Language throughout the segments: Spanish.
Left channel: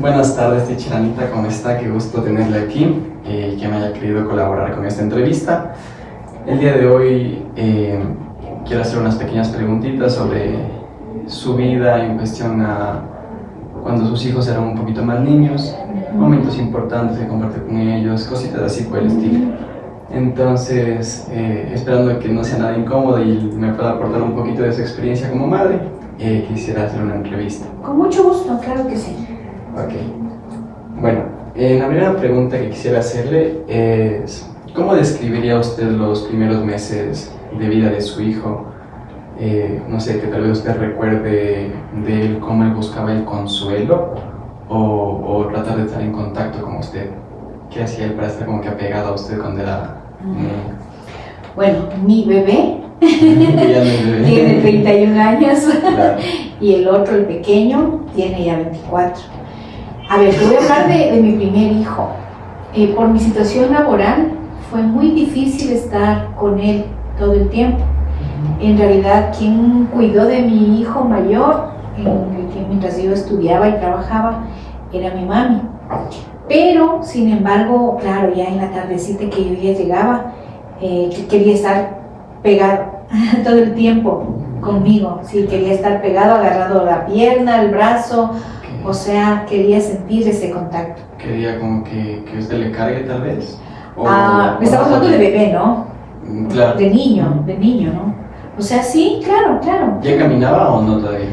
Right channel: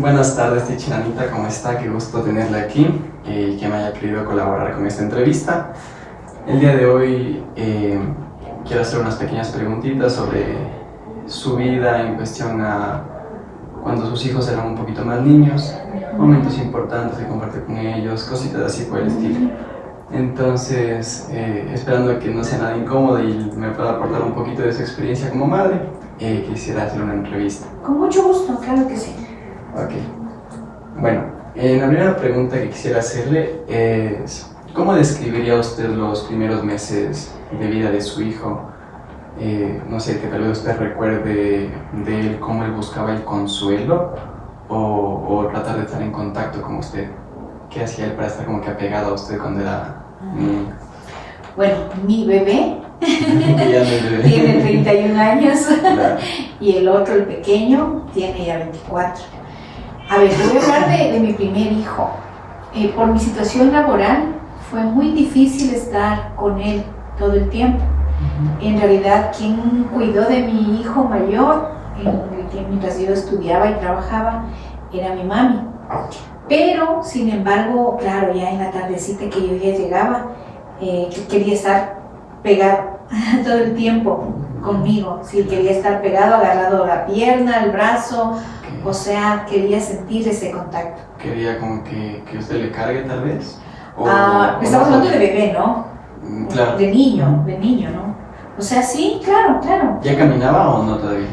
Buenas tardes, teacher Anita, ¿cómo está? Qué gusto tenerla aquí, que me haya querido colaborar con esta entrevista. El día de hoy quiero hacer unas pequeñas preguntitas sobre su vida en cuestión a cuando sus hijos eran un poquito más niños, momentos importantes que compartir con ellos, cositas así por el estilo. Entonces, esperando que no sea nada incómodo y me pueda aportar un poquito de su experiencia como madre, quisiera hacer una entrevista. Con mucho gusto, claro que sí. Ok. Bueno, la primera pregunta que quisiera hacerle es, ¿cómo describiría usted los primeros meses de vida de su hijo? No sé, que tal vez usted recuerde de él cómo él buscaba el consuelo o tratar de estar en contacto con usted. ¿Qué hacía él para estar como que apegado a usted cuando era niño? Bueno, mi bebé Ya no es bebé. tiene 31 años Claro. y el otro, el pequeño, tiene ya 24. A ver, te voy a hablar de mi primer hijo. Por mi situación laboral fue muy difícil estar con él todo el tiempo. En realidad, quien cuidó de mi hijo mayor, mientras yo estudiaba y trabajaba, era mi mami. Pero, sin embargo, claro, ya en la tardecita que yo ya llegaba, que quería estar pegado todo el tiempo conmigo. Sí, quería estar pegado, agarrado la pierna, el brazo, o sea, quería sentir ese contacto. ¿Quería como que usted le cargue tal vez? Me estamos hablando de bebé, ¿no? Claro. De niño, ¿no? O sea, sí, claro. ¿Ya caminaba o no todavía?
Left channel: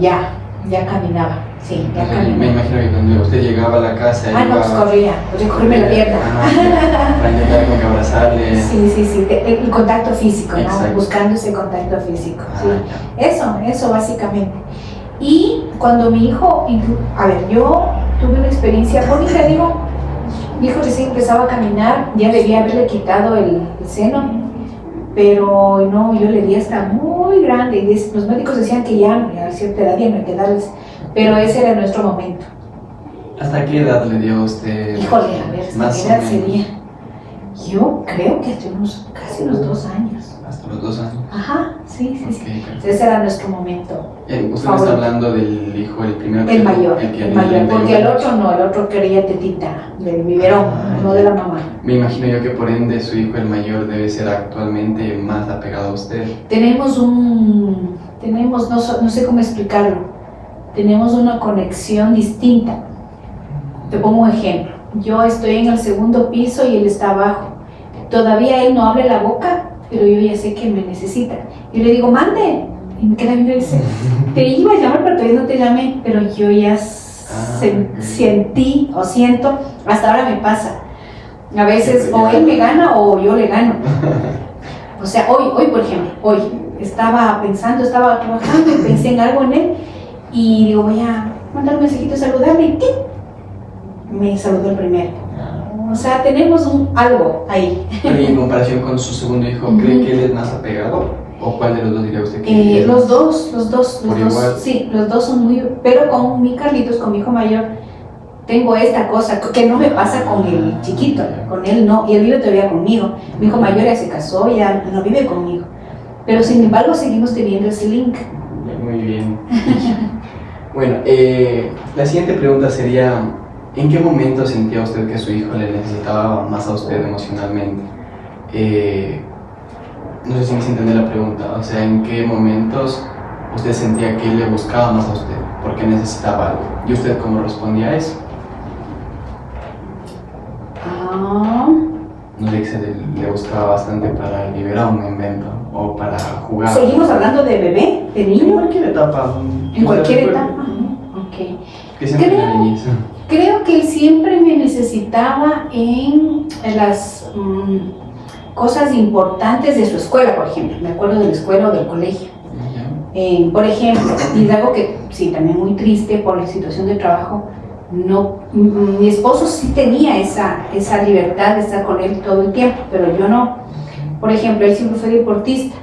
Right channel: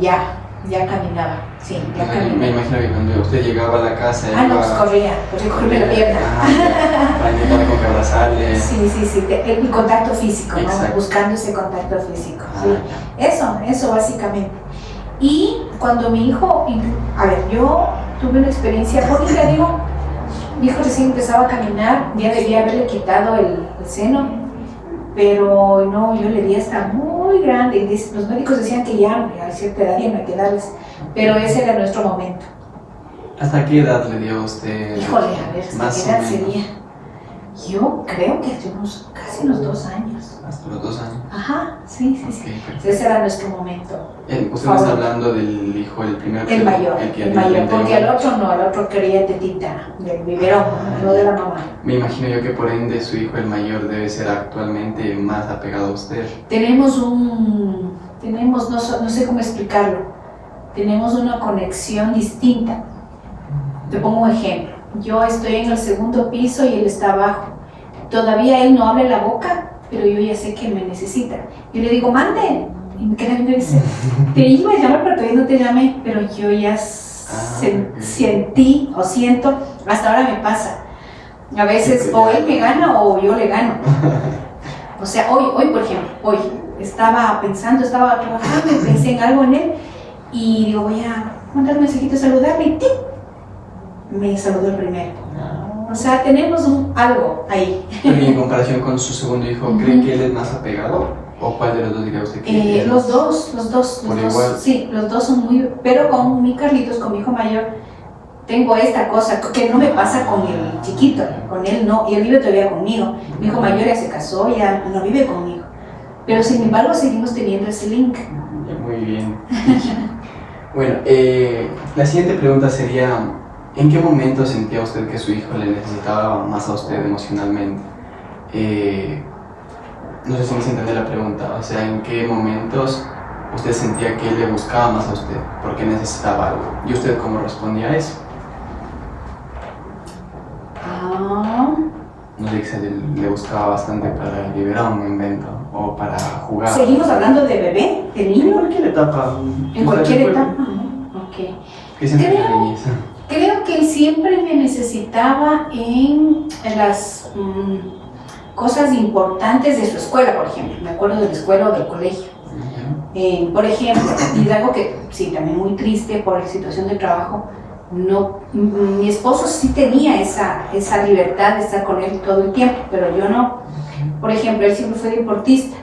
Ya caminaba, sí, ya Me caminaba. imagino que cuando usted llegaba a la casa No, pues corría, podía cogerme la pierna. Para intentar como que abrazarle. Sí, el contacto físico, ¿no? Exacto. Buscando ese contacto físico, sí. Ya. Eso básicamente. Y cuando mi hijo, a ver, yo tuve una experiencia cómica, digo, mi hijo recién empezaba a caminar, ya debía haberle quitado el seno, pero no, yo le di hasta muy grande, y los médicos decían que ya a cierta edad ya no hay que darles, pero ese era nuestro momento. ¿Hasta qué edad le dio a usted? Híjole, a ver, Más ¿qué o edad menos. sería? Yo creo que hasta casi unos 2 años. Hasta los 2 años. Ajá, sí. Ok, perfecto. Ese era nuestro momento. Usted me está hablando del hijo, el primero. El mayor, porque el otro. otro quería tetita del biberón, no de la mamá. Me imagino yo que por ende su hijo, el mayor, debe ser actualmente más apegado a usted. No sé cómo explicarlo, tenemos una conexión distinta. Te pongo un ejemplo, yo estoy en el segundo piso y él está abajo. Todavía él no abre la boca, pero yo ya sé que él me necesita. Yo le digo, mande. Y me queda viendo y dice, te iba a llamar, pero todavía no te llamé. Pero yo ya sentí o siento, hasta ahora me pasa. A veces o él me gana o yo le gano. O sea, hoy por ejemplo, estaba trabajando y pensé en algo en él. Y digo, voy a mandar un mensajito, saludarle y ¡tic! Me saludó el primero. O sea, tenemos algo ahí. Pero y en comparación con su segundo hijo, ¿cree que él es más apegado? ¿O cuál de los dos diría usted que es? Los dos. Igual. Sí, los dos son muy... Pero con mi Carlitos, con mi hijo mayor, tengo esta cosa que no me pasa con el chiquito. Con él no, y él vive todavía conmigo. Mi hijo mayor ya se casó, ya no vive conmigo. Pero sin embargo, seguimos teniendo ese link. Muy bien. Bueno, la siguiente pregunta sería, ¿en qué momento sentía usted que su hijo le necesitaba más a usted emocionalmente? No sé si me entiende la pregunta, o sea, ¿en qué momentos usted sentía que él le buscaba más a usted porque necesitaba algo? ¿Y usted cómo respondía a eso? No sé, que le buscaba bastante para liberar un invento o para jugar. ¿Seguimos hablando de bebé, de niño? En cualquier etapa. En cualquier etapa. Ok. Que siempre la niñez. Creo que él siempre me necesitaba en las cosas importantes de su escuela, por ejemplo. Me acuerdo de la escuela o del colegio. Por ejemplo, y es algo que sí, también muy triste por la situación de trabajo. No, mi esposo sí tenía esa libertad de estar con él todo el tiempo, pero yo no. Por ejemplo, él siempre fue deportista,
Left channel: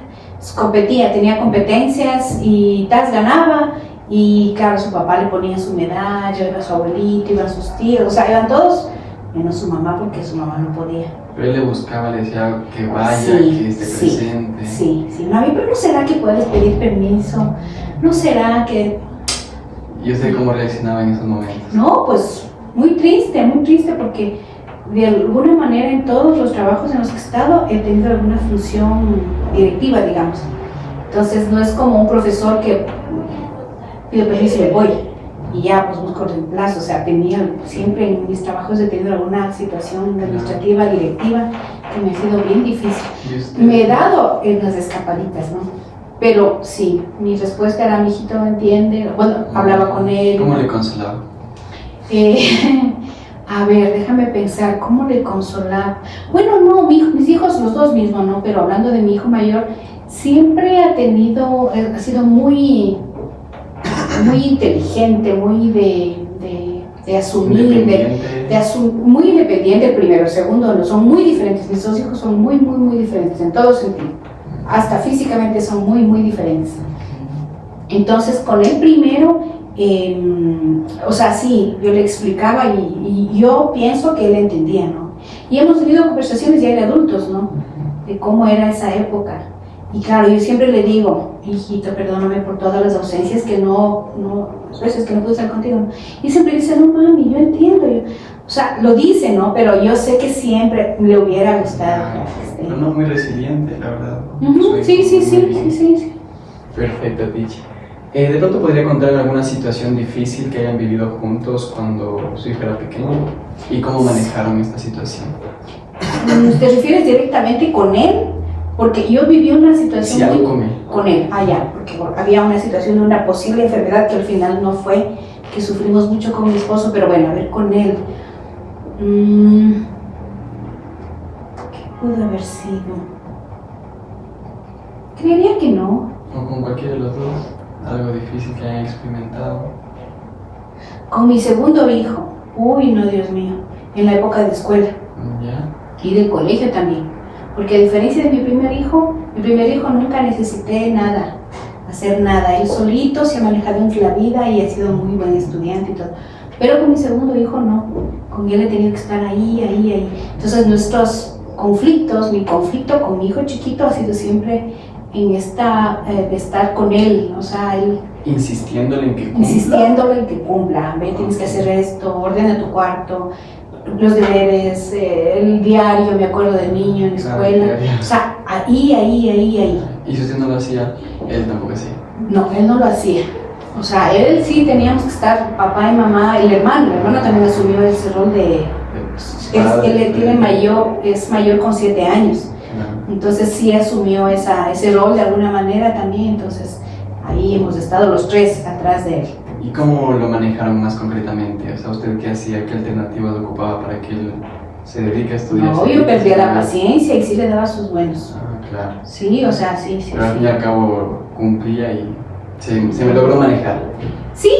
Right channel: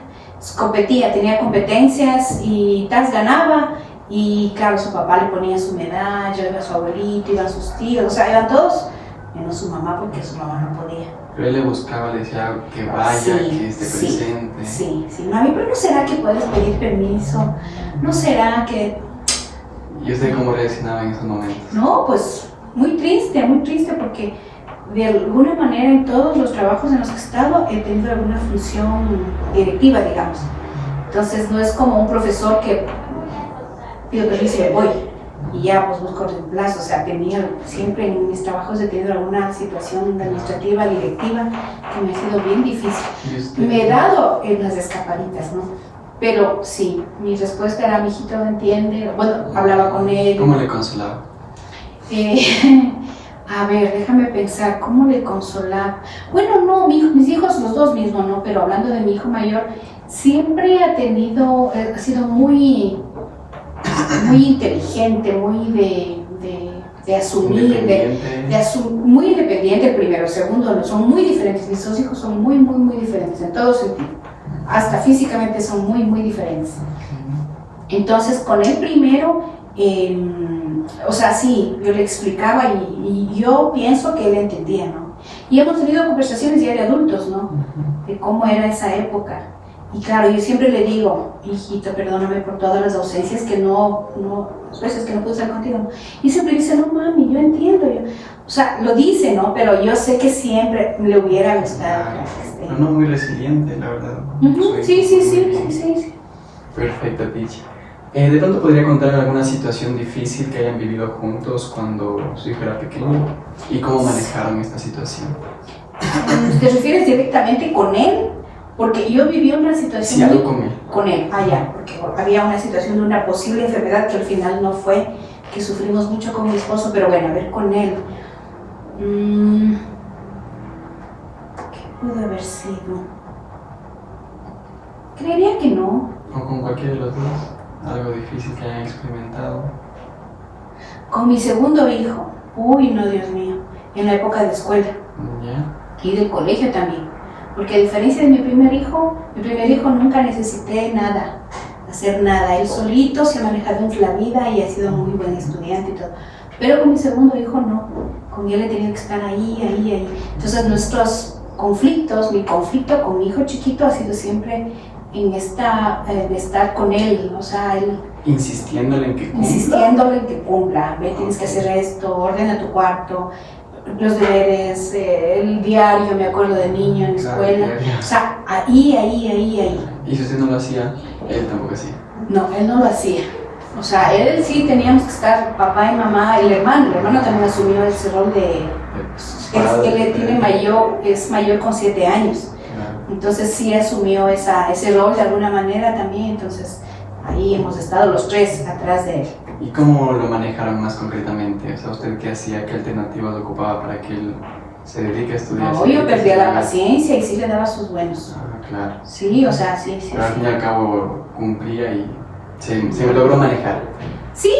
competía, tenía competencias y ganaba. Y claro, su papá le ponía su medalla, iba su abuelito, iban sus tíos, o sea, iban todos, menos su mamá porque su mamá no podía. Pero él le buscaba, le decía que vaya, Sí, que esté presente. Sí, mami, pero ¿no será que puedes pedir permiso? ¿No será que...? ¿Y usted cómo reaccionaba en esos momentos? No, pues muy triste porque de alguna manera en todos los trabajos en los que he estado he tenido alguna función directiva, digamos. Entonces no es como un profesor que pido permiso y me voy y ya pues busco reemplazo. O sea, siempre en mis trabajos he tenido alguna situación administrativa, directiva, que me ha sido bien difícil. Me he dado en las escapaditas, ¿no? Pero sí, mi respuesta era: mijito, no entiende. Bueno, hablaba con él. ¿Cómo le consolaba? A ver, déjame pensar, ¿cómo le consolaba? Bueno, no, mis hijos, los dos mismos, ¿no? Pero hablando de mi hijo mayor, siempre ha sido muy inteligente, muy de asumir, muy independiente. El primero, el segundo, no, son muy diferentes. Mis dos hijos son muy diferentes en todo sentido. Hasta físicamente son muy diferentes. Entonces, con el primero, o sea, sí, yo le explicaba y yo pienso que él entendía, ¿no? Y hemos tenido conversaciones ya de adultos, ¿no? De cómo era esa época. Y claro, yo siempre le digo: hijito, perdóname por todas las ausencias las veces que no pude estar contigo. Y siempre dice: no mami, yo entiendo. O sea, lo dice, ¿no? Pero yo sé que siempre le hubiera gustado que esté. No, muy resiliente, la verdad. Sí. Perfecto, Pichi. ¿De pronto podría contar alguna situación difícil que hayan vivido juntos cuando su hijo era pequeño? ¿Y cómo manejaron esta situación? ¿Te refieres directamente con él? Porque yo viví una situación... Sí, algo con él. Con él, porque había una situación de una posible enfermedad que al final no fue, que sufrimos mucho con mi esposo, pero bueno, a ver, con él. ¿Qué pudo haber sido? Creería que no. ¿O con cualquiera de los dos? ¿Algo difícil que hayan experimentado? Con mi segundo hijo. Uy, no, Dios mío. En la época de escuela. ¿Ya? Y del colegio también. Porque a diferencia de mi primer hijo nunca necesité hacer nada. Él solito se ha manejado en la vida y ha sido muy buen estudiante y todo. Pero con mi segundo hijo no. Con él he tenido que estar ahí. Entonces nuestros conflictos, mi conflicto con mi hijo chiquito ha sido siempre en de estar con él, o sea, él insistiéndole en que cumpla. Ve, tienes que hacer esto, ordena tu cuarto, los deberes, el diario, me acuerdo del niño en la escuela, o sea, ahí. ¿Y si usted no lo hacía, él tampoco hacía? No, él no lo hacía. O sea, él sí teníamos que estar, papá y mamá, el hermano también asumió ese rol es mayor con 7 años. Entonces sí asumió ese rol de alguna manera también, entonces ahí hemos estado los tres atrás de él. ¿Y cómo lo manejaron más concretamente? O sea, ¿usted qué hacía? ¿Qué alternativas ocupaba para que él se dedique a estudiar? No, yo perdía la paciencia y sí le daba sus buenos. Ah, claro. Sí, o sea, sí. Pero al fin y al cabo cumplía y se me logró manejar. Sí,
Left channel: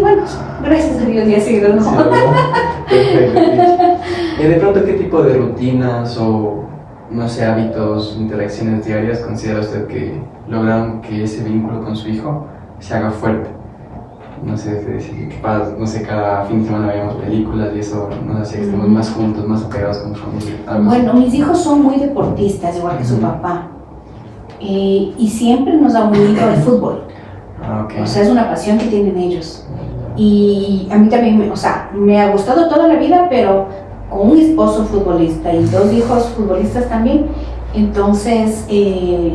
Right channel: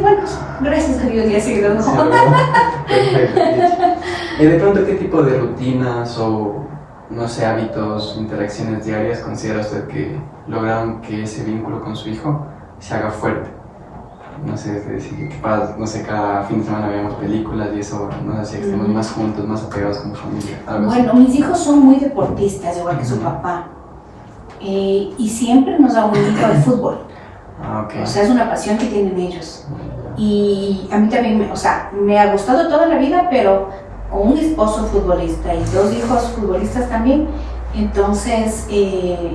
bueno, gracias a Dios ya he sido. Sí, perfecto. De pronto, ¿qué tipo de rutinas o, no sé, hábitos, interacciones diarias considera usted que lograron que ese vínculo con su hijo se haga fuerte? No sé, no sé, cada fin de semana veíamos películas y eso nos hacía que estemos más juntos, más apegados como familia. Bueno, mis hijos son muy deportistas, igual que su papá. Y siempre nos ha unido el fútbol. Okay. O sea, es una pasión que tienen ellos. Y a mí también, me ha gustado toda la vida, pero con un esposo futbolista y 2 hijos futbolistas también. Entonces,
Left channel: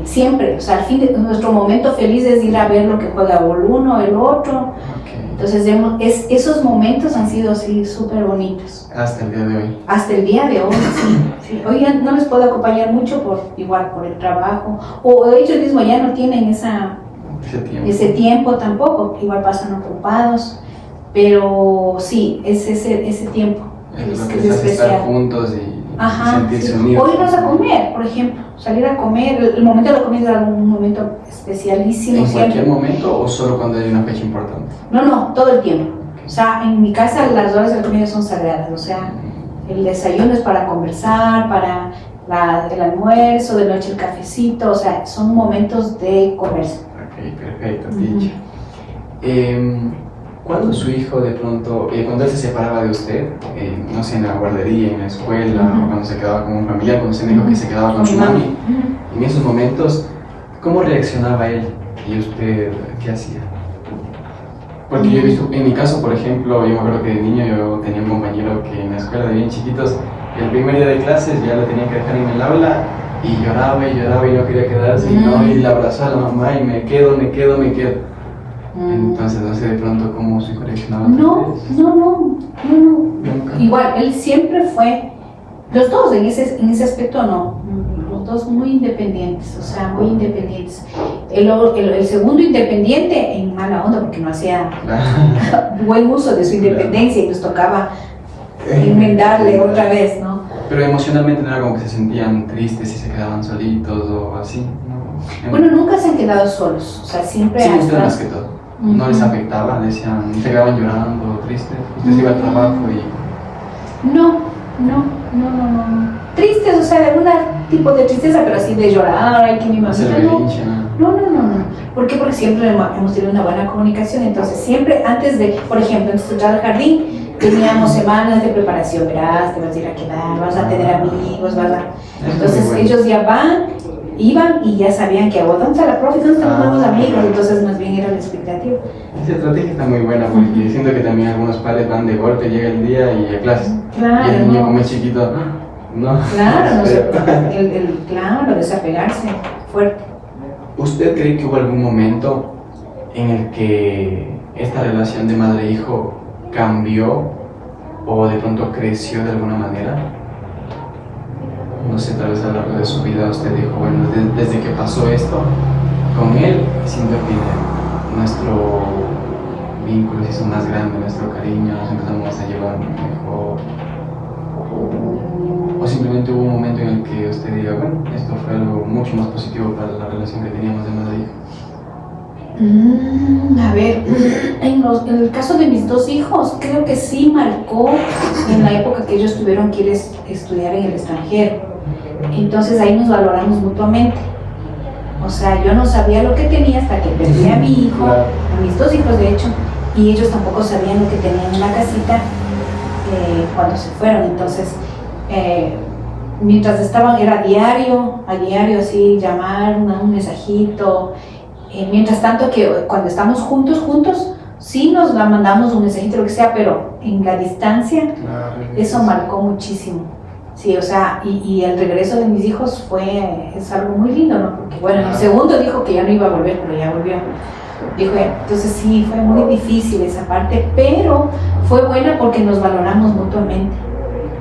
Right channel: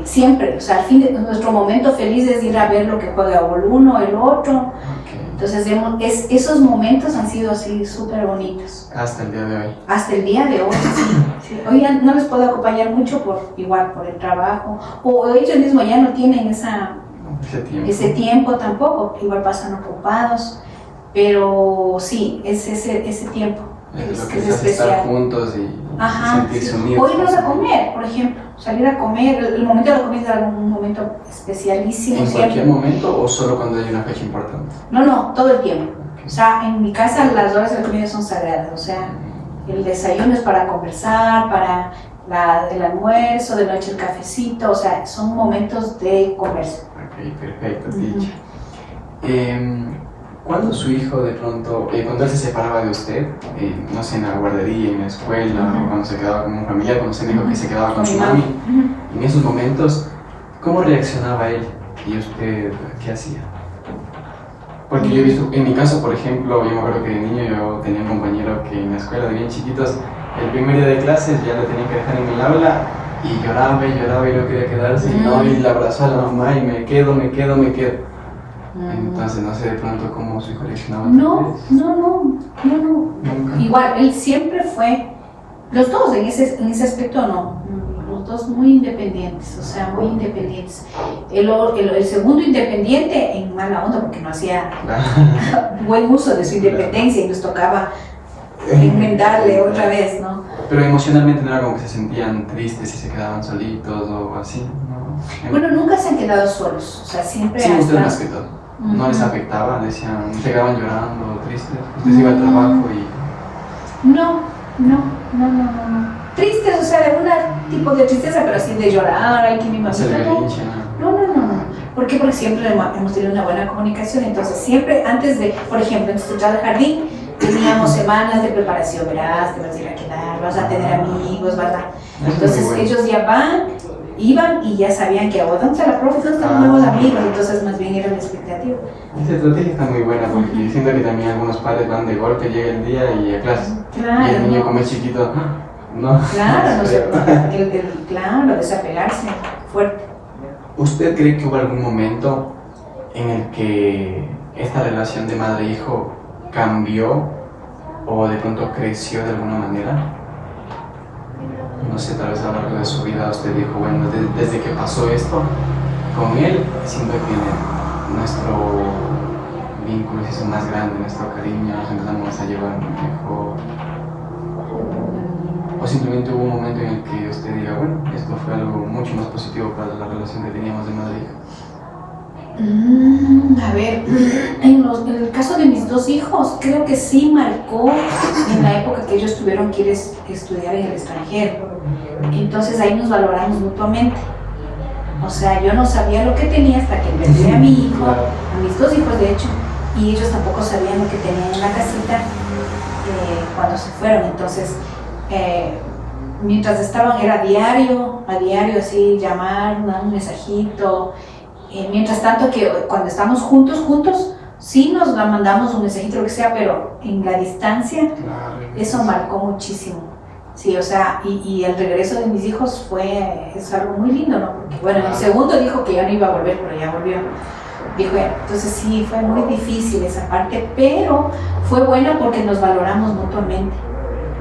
siempre, al fin de nuestro momento feliz es ir a ver lo que juega el uno, el otro. Okay. Entonces, esos momentos han sido así súper bonitos. Hasta el día de hoy. Hasta el día de hoy, sí. Hoy ya no les puedo acompañar mucho por el trabajo. O ellos mismos ya no tienen ese tiempo tampoco. Igual pasan ocupados. Pero sí, es ese tiempo. Es lo que les hace estar juntos y sentirse unidos. O irnos a comer, por ejemplo, salir a comer, el momento de la comida es un momento especialísimo. ¿En cualquier momento o solo cuando hay una fecha importante? No, todo el tiempo. O sea, en mi casa las horas de la comida son sagradas, o sea, el desayuno es para conversar, para el almuerzo, de noche el cafecito, o sea, son momentos de conversa. Ok, perfecto, dicho. ¿Cuándo su hijo de pronto, cuando él se separaba de usted, no sé, en la guardería, en la escuela, o cuando se quedaba con un familiar, cuando usted dijo que se quedaba con su mami, en esos momentos, ¿cómo reaccionaba él y usted qué hacía? Porque yo he visto, en mi caso, por ejemplo, yo me acuerdo que de niño yo tenía un compañero que en la escuela de bien chiquitos, el primer día de clases ya lo tenían que dejar en el aula y lloraba y lloraba y no quería quedarse, y no, y le abrazó a la mamá y me quedo. Entonces no sé de pronto cómo se coleccionaba. No. Nunca. Igual, él siempre fue, los dos en ese aspecto no, los dos muy independientes, o sea, muy independientes. El segundo independiente en mala onda porque no hacía buen uso de su independencia y nos tocaba enmendarle otra vez, ¿no? Pero emocionalmente no era como que se sentían tristes y se quedaban solitos o así, ¿no? Bueno, nunca se han quedado solos, o sea, siempre... Sí, ustedes más que todo. No les afectaba, decían, se quedaban llorando, tristes, ustedes iban al trabajo y... No. Tristes, o sea, algún tipo de tristeza, pero así de llorar, ay, que mi mamá... Hacer berrinche, ¿no? No. ¿Por qué? Porque siempre hemos tenido una buena comunicación, entonces siempre antes de, por ejemplo, antes de entrar al jardín, teníamos semanas de preparación, verás, te vas a ir a quedar, vas a tener amigos, Entonces bueno. ellos ya iban y ya sabían que ¿dónde está la profe? ¿Dónde están los nuevos amigos? Entonces más bien era la expectativa. Esa estrategia está muy buena porque siento que también algunos padres van de golpe, llega el día y a clases. Claro. Y el niño como es chiquito, no. Claro, claro, desapegarse fuerte. ¿Usted cree que hubo algún momento en el que esta relación de madre-hijo cambió o de pronto creció de alguna manera? No sé, tal vez a lo largo de su vida usted dijo, bueno, desde que pasó esto con él, siento que nuestro vínculo se hizo más grande, nuestro cariño, nos empezamos a llevar mejor. O simplemente hubo un momento en el que usted diga, bueno, esto fue algo mucho más positivo para la relación que teníamos de madre e hija. A ver, en el caso de mis dos hijos, creo que sí marcó en la época que ellos tuvieron que ir a estudiar en el extranjero. Entonces ahí nos valoramos mutuamente. O sea, yo no sabía lo que tenía hasta que perdí a mi hijo, Claro. a mis dos hijos de hecho, y ellos tampoco sabían lo que tenían en la casita cuando se fueron. Entonces, mientras estaban, era a diario así, llamar, un mensajito. Mientras tanto que cuando estamos juntos, sí nos la mandamos un mensajito, lo que sea, pero en la distancia, Claro. eso marcó muchísimo. Sí, o sea, y el regreso de mis hijos es algo muy lindo, ¿no? Porque bueno, en el segundo dijo que ya no iba a volver, pero ya volvió. Dijo ya, entonces sí, fue muy difícil esa parte, pero fue buena porque nos valoramos mutuamente.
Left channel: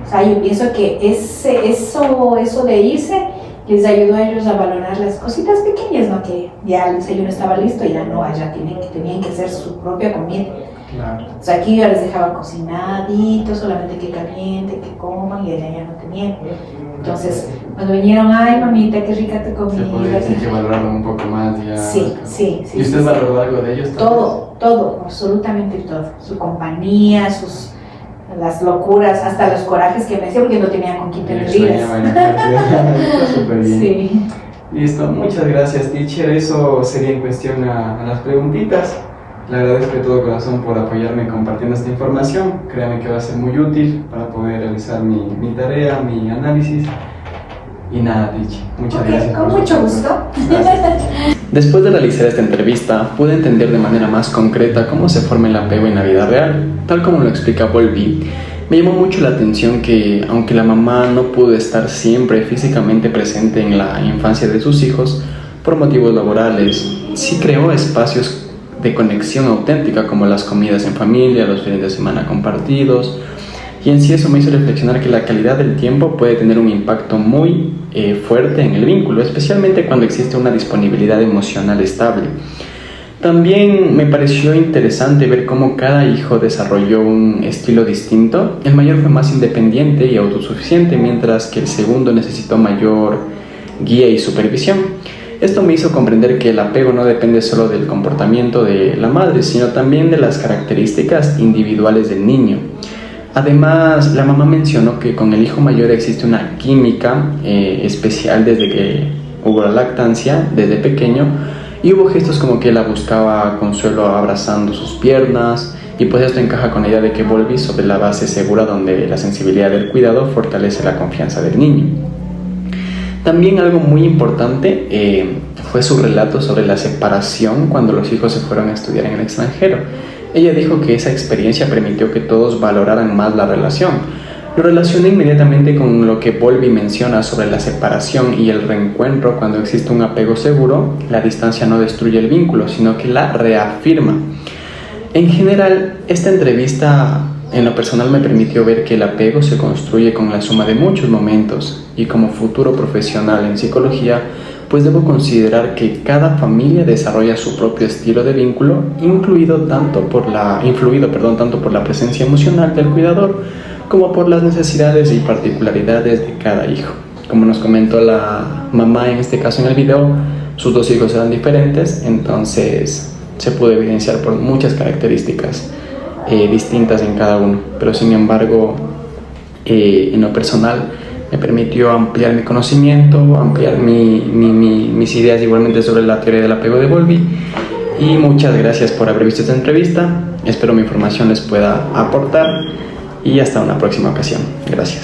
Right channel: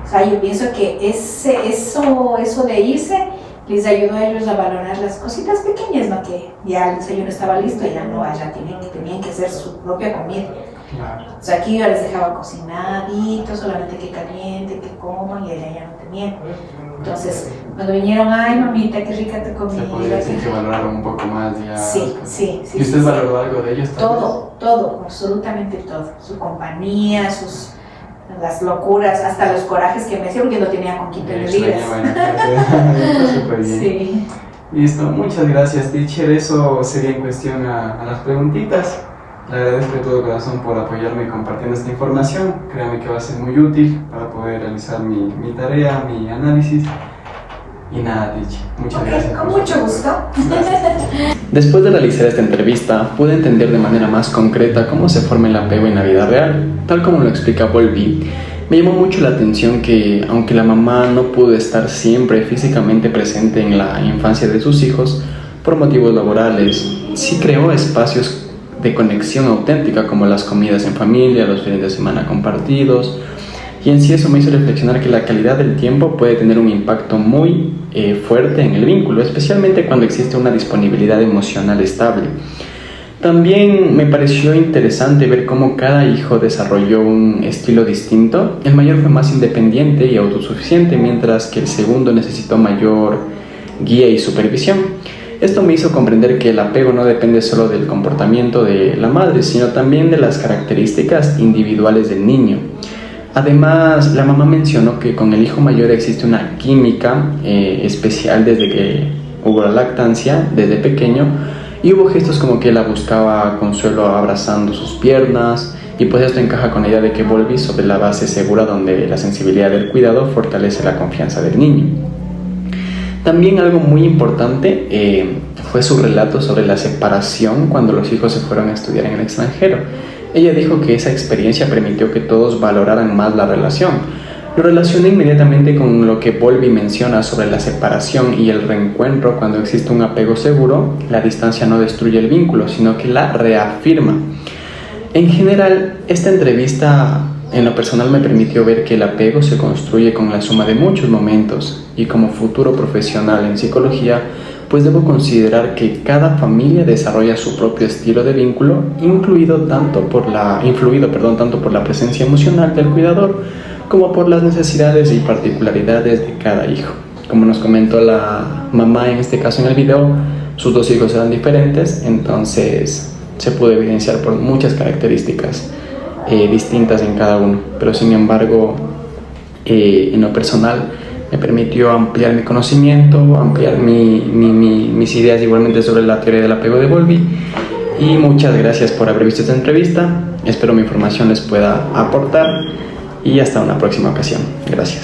O sea, yo pienso que eso de irse les ayudó a ellos a valorar las cositas pequeñas, ¿no? Que ya el desayuno estaba listo y ya no, allá tenían que hacer su propia comida. Claro. O sea, aquí yo les dejaba cocinadito, solamente que caliente, que coman, y allá ya no tenían. Entonces, cuando vinieron, ay mamita, qué rica tu comida. Se podría decir que valoraron un poco más ya. Sí. ¿Y usted valoró algo de ellos? Todo, absolutamente todo. Su compañía, las locuras, hasta los corajes que me hacía porque no tenía con quién tener vidas. Está súper bien. Sí. Listo, muchas gracias, teacher. Eso sería en cuestión a las preguntitas. Le agradezco de todo corazón por apoyarme compartiendo esta información. Créame que va a ser muy útil para poder realizar mi tarea, mi análisis. Y nada, teacher, muchas gracias. Con mucho gusto. Gracias. Después de realizar esta entrevista, pude entender de manera más concreta cómo se forma el apego en la vida real. Tal como lo explica Volvi, me llamó mucho la atención que, aunque la mamá no pudo estar siempre físicamente presente en la infancia de sus hijos, por motivos laborales, sí creó espacios de conexión auténtica como las comidas en familia, los fines de semana compartidos, y en sí eso me hizo reflexionar que la calidad del tiempo puede tener un impacto muy fuerte en el vínculo, especialmente cuando existe una disponibilidad emocional estable. También me pareció interesante ver cómo cada hijo desarrolló un estilo distinto. El mayor fue más independiente y autosuficiente, mientras que el segundo necesitó mayor guía y supervisión. Esto me hizo comprender que el apego no depende solo del comportamiento de la madre, sino también de las características individuales del niño. Además, la mamá mencionó que con el hijo mayor existe una química especial desde que hubo la lactancia, desde pequeño, y hubo gestos como que la buscaba consuelo abrazando sus piernas, y pues esto encaja con la idea de que volví sobre la base segura donde la sensibilidad del cuidado fortalece la confianza del niño. También algo muy importante fue su relato sobre la separación cuando los hijos se fueron a estudiar en el extranjero. Ella dijo que esa experiencia permitió que todos valoraran más la relación. Lo relacioné inmediatamente con lo que Bowlby menciona sobre la separación y el reencuentro. Cuando existe un apego seguro, la distancia no destruye el vínculo, sino que la reafirma. En general, esta entrevista en lo personal me permitió ver que el apego se construye con la suma de muchos momentos, y como futuro profesional en psicología, pues debo considerar que cada familia desarrolla su propio estilo de vínculo, influido tanto por la presencia emocional del cuidador como por las necesidades y particularidades de cada hijo. Como nos comentó la mamá en este caso en el video, sus dos hijos eran diferentes, entonces se pudo evidenciar por muchas características distintas en cada uno, pero sin embargo en lo personal me permitió ampliar mi conocimiento, ampliar mis ideas igualmente sobre la teoría del apego de Bowlby. Y muchas gracias por haber visto esta entrevista, espero mi información les pueda aportar y hasta una próxima ocasión. Gracias.